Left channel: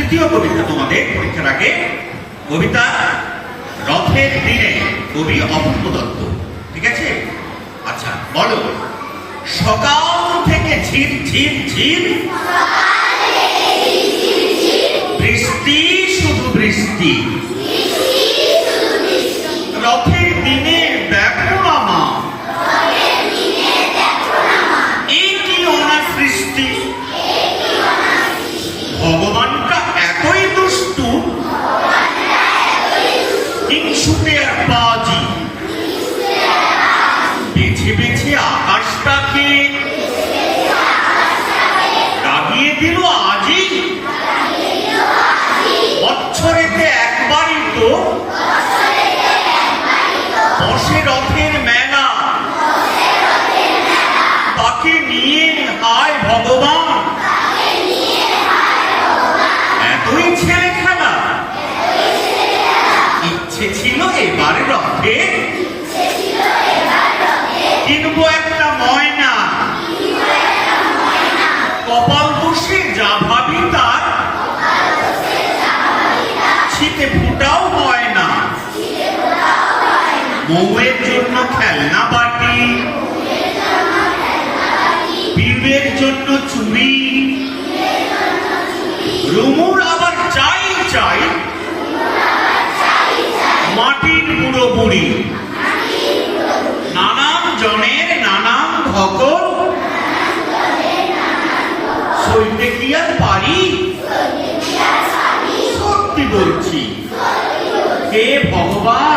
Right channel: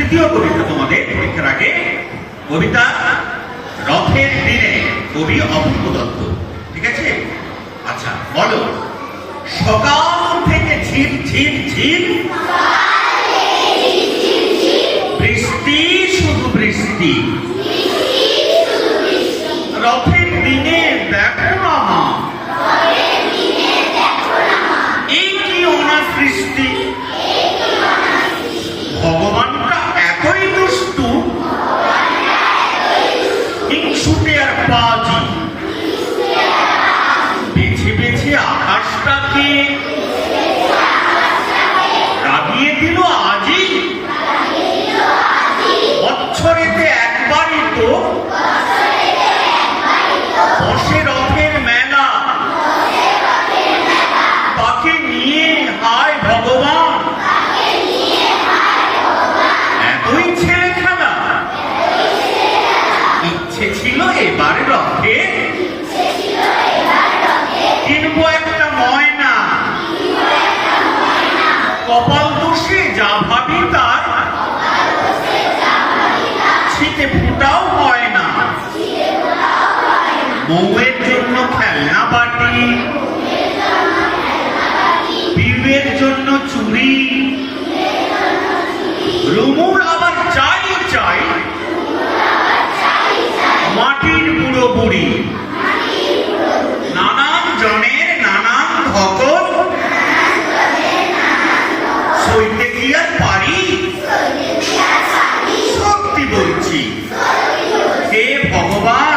তৃতীয় কবিতা তোমাদের পরীক্ষার আগে, কবিতা রথের দিনে, কবি অপূর্ব দত্ত। ঠিক আছে? আচ্ছা বলো, সকাল থেকে ঝির ঝির ঝির বৃষ্টি, শুধু বৃষ্টি, রথের দিনে দেখো না মা, এই কি অনাসৃষ্টি, ভগবানটা এতই দুষ্টু, হিংসুটে আর বাজি, বেছে বেছে আকাশটাকে দাগিয়ে দিল আজই, বছরেতে একবারই তো বসে রথের মেলা, তাকে নিয়ে হায় ভগবান এতই ছেলে খেলা। ইচ্ছে ছিল এবার রথে কিনবো একটা ময়না, কপাল বসে যা ভাবি তার ছিটে ফুটাও হয় না, বউয়ের জন্য খেলনা বাটি, বিয়ের জন্য চুড়ি, রুমুর আবার চাই চাই মাটির বুড়ো বুড়ি, নানান জনের নানান ধকল, সইতে কি আর পারি, সত্যি বলছি হে ভগবান